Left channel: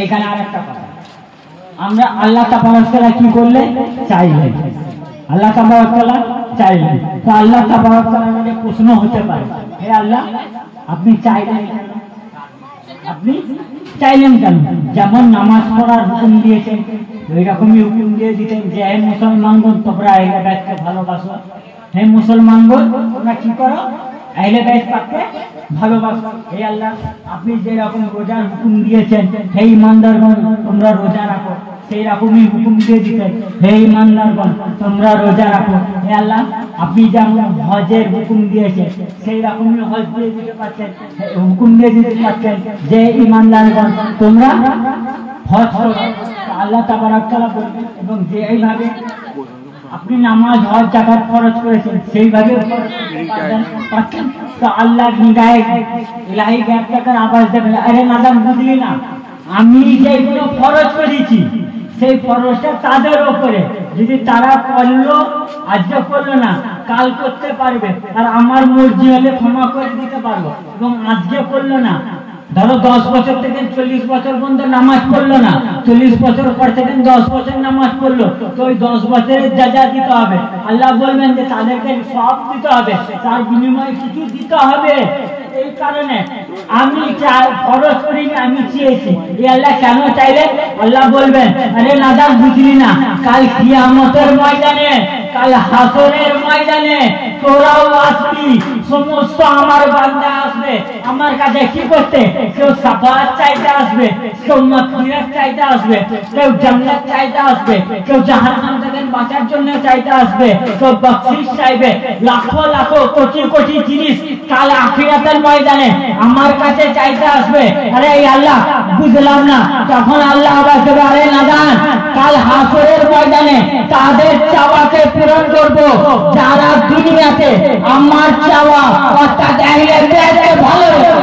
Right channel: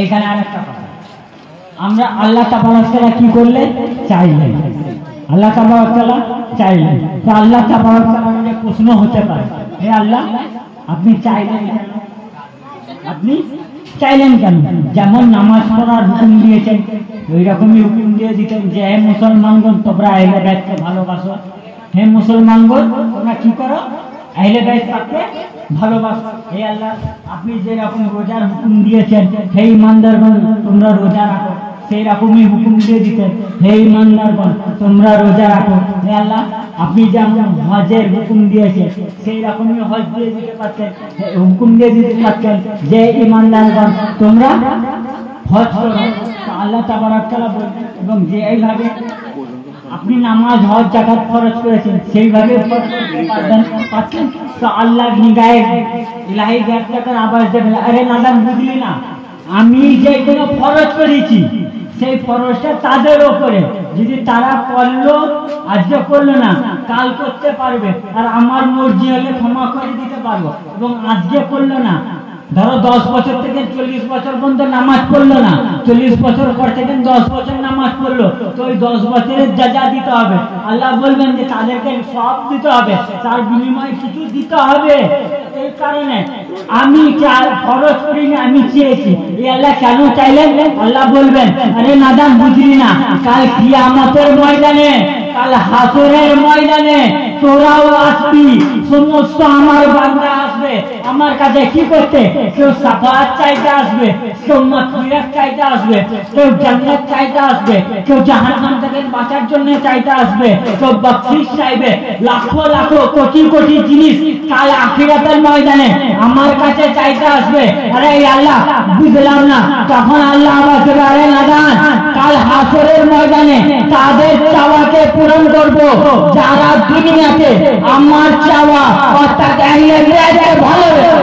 এইখানে আরেকটা কথা, আমরা আল্লাহ তাবারক তাআলা কি করলেন? চাইলেন। আল্লাহ তাবারক তাআলা চাইলেন। তো আল্লাহ তাবারক তাআলার কাছে প্রশ্ন হতে পারে, হে আল্লাহ, আপনি চাইলেন কেন? আপনি চাইলেন কেন? যেমন নামাজ পড়ার হুকুম দিয়েছেন, ওই রকমই হুকুম দিয়ে দিতেন যে হে মুসলমানগণ, তোমরা আহলে বাইতকে ভালোবাসো। হে মুসলমানগণ, তোমরা কি করো? আহলে বাইতকে ভালোবাসো। হে আল্লাহ, আপনি যে রকম রোজার হুকুম দিয়েছেন, হে ইমানদারগণ তোমরা রোজা রাখো, সেই রকমই হুকুম দিয়ে দিতেন, হে ইমানদারগণ তোমরা রোজা রাখো। হে আল্লাহ, আপনি যেমন হজের হুকুম দিয়েছেন, সেই রকমই হজ দিয়ে দিতে পারতেন, হুকুম দিয়ে দিতে পারতেন যে ইমানদারগণ তোমরা হজ করো। আল্লাহ তাবারক তাআলা বলবেন, এবং যে এইভাবে আপনি নামাজ হজ যাকাত খরচ করেছেন সেইভাবে পাচ্ছেন। তো আল্লাহ নিগাহে ইলাহি গায়বটার আওয়াজ দেবেন, আরে নাদাম, বুঝলি না, আমি যেগুলো ফরজ করেছি সেই ফরজটা তাদের ওপরে, যদি তারা করলো, আজকে করলো না, কাল করতে পারবে, আর আমার মর্জি হলে ক্ষমা করে দিতে পারবো। এবং আজকে করলো না, ধরো 10 বছর থেকে 40 বছর পর্যন্ত নামাজ পড়লো না, 40 বছর পর থেকে 10 বছর নামাজ পড়লো, তো ওই 10 বছরের যা দিতে হবে, আল্লাহ বলবেন যে তাদেরকে সব দিতে হবে, তার বিনিময়ে কিছু দিতে হবে। এই কারণে আমি খরচ করিনি, আমি চেয়েছি। আল্লাহ কেন চাইলেন? আল্লাহ বলবেন, আরে নাদাম, বুঝলি না, কাল কিয়ামতের ময়দানে, কাল হাসরের ময়দানে তোরাও আসবি, সমস্ত আমার বান্দা আসবে আমার কাছে কি করতে? কেউ শাফাআত চাইতে আসবে, কেউ মাগফিরাত চাইতে আসবে, কেউ জান্নাত চাইতে আসবে, কেউ জাহান্নাম থেকে বাঁচার জন্য চাইতে আসবে, কেউ বখশিশ চাইবে, লাখো লাখো কোটি কোটি জিনিস কাল আখিরাতের ময়দানে আমার কাছে চাইতে আসবে। আরে আল্লাহ, বুঝলাম না। তখন আল্লাহ আবার বলবে, আরে নাদান, কাল হাসরের ময়দানে তাদের চাওয়াকে পূরণ করব যারা দুনিয়াতে আমার চাওয়া অর্থাৎ ভালোবেসে।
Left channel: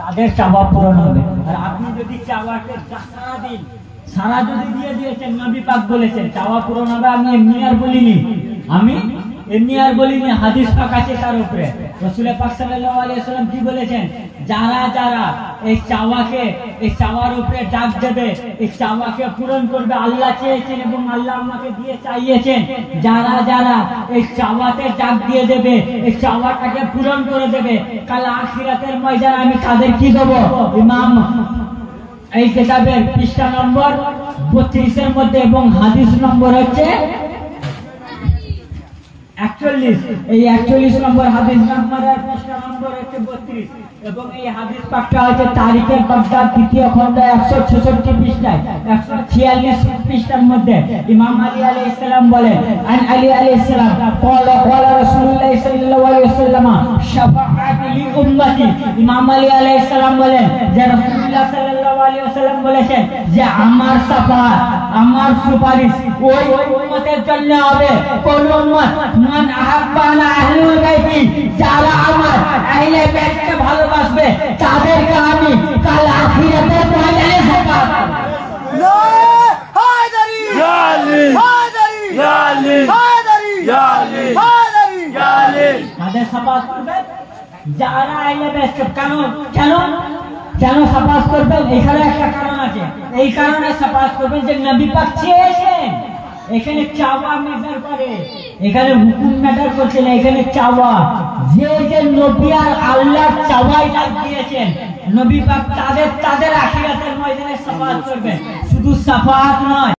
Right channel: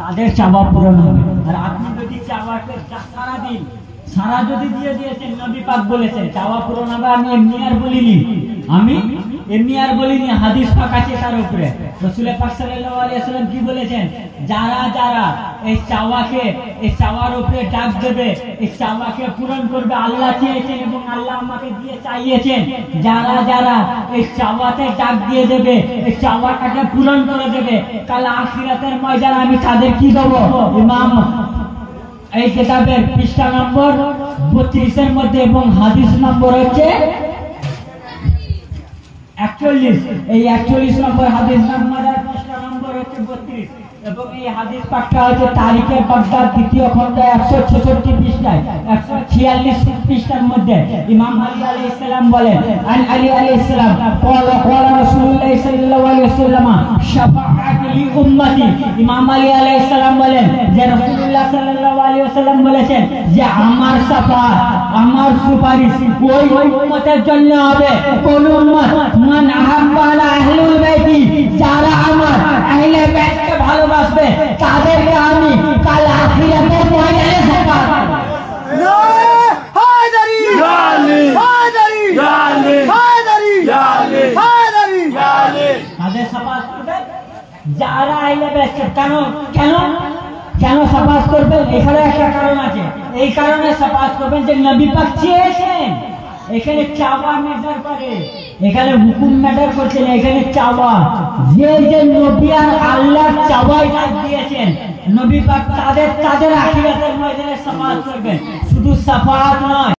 তাদের চাওয়া পূরণ হবে। আর আপনি যদি চাওয়াকে সারা যদি দিয়ে দিয়েছেন, নবী পাক বলেছেন চাওয়া পূরণ হবে। আমি এমনি আর বলিনি, হাদিস পাক আছে তার উপরে। রাসূল পাক সাল্লাল্লাহু আলাইহি ওয়াসাল্লাম কি বলেছেন? যারা যারা এই চাওয়ার উপরে ডাক দেবে, এই চাওয়াকে পূরণ করবে, আল্লাহ চেয়েছেন এবং আল্লাহ আমাকে দিয়ে চাইয়েছেন, যারা যারা এই চাওয়াতে ডাক দিয়ে দেবে, এই চাওয়াটাকে পূরণ করে দেবে, কাল আখিরাতের ময়দানে আমি তাদের কি দেব? ইমাম এই কিতাবের পৃষ্ঠা নম্বর 32 মধ্যে এবং হাদিস নম্বর হচ্ছে 41, এই 41 নম্বর হাদিস নম্বরের পৃষ্ঠা নম্বর হচ্ছে 32, এবং এই হাদিস পাকটা হচ্ছে তারিখে বাগদাদ 3য় খণ্ড 166 পৃষ্ঠায় 146 পৃষ্ঠার মধ্যে। ইমাম আলী আলাইহিস সালাম বলেন, আন আলী আলাইহিস সালাম ক্বালা রাসূলুল্লাহ সাল্লাল্লাহু আলাইহি ওয়াসাল্লাম শাফাআতি লি উম্মতি। ইমাম আলী আলাইহিস সালাম বলেন যে রাসূলুল্লাহ সাল্লাল্লাহু আলাইহি ওয়াসাল্লাম বলেছেন যে আমার শাফাআত, আমার সুপারিশ ওই উম্মতের জন্য হবে। কোন উম্মত? মান আহাব্বানা আহলুল বাইতি, যারা আমার আহলে বাইতকে ভালোবাসবে তাদেরকে আমি কাল আখিরাতের ময়দানে শাফাআত করব। ইয়া হায়দারি, ইয়া আলী, হায়দারি, ইয়া আলী, হায়দারি, ইয়া আলী, হায়দারি, ইয়া আলী। তাদের শাফাআত করবে যারা আহলে বাইতকে। কেন শাফাআত করবেন? এখানে একটা কারণ আছে। এই কারণে শাফাআত করবেন যে নবী পাক চেয়েছেন। এখানে চাওয়া ম্যাটার করে, এখানে হুকুম ম্যাটার করছে না, এখানে চাওয়া। যে নবী আর আল্লাহর চাওয়াই ডাক দিয়েছেন, নবী পাক তাদের আখিরাতের ময়দানে শাফাআত করবেন। শুধু শাফাআত নয়,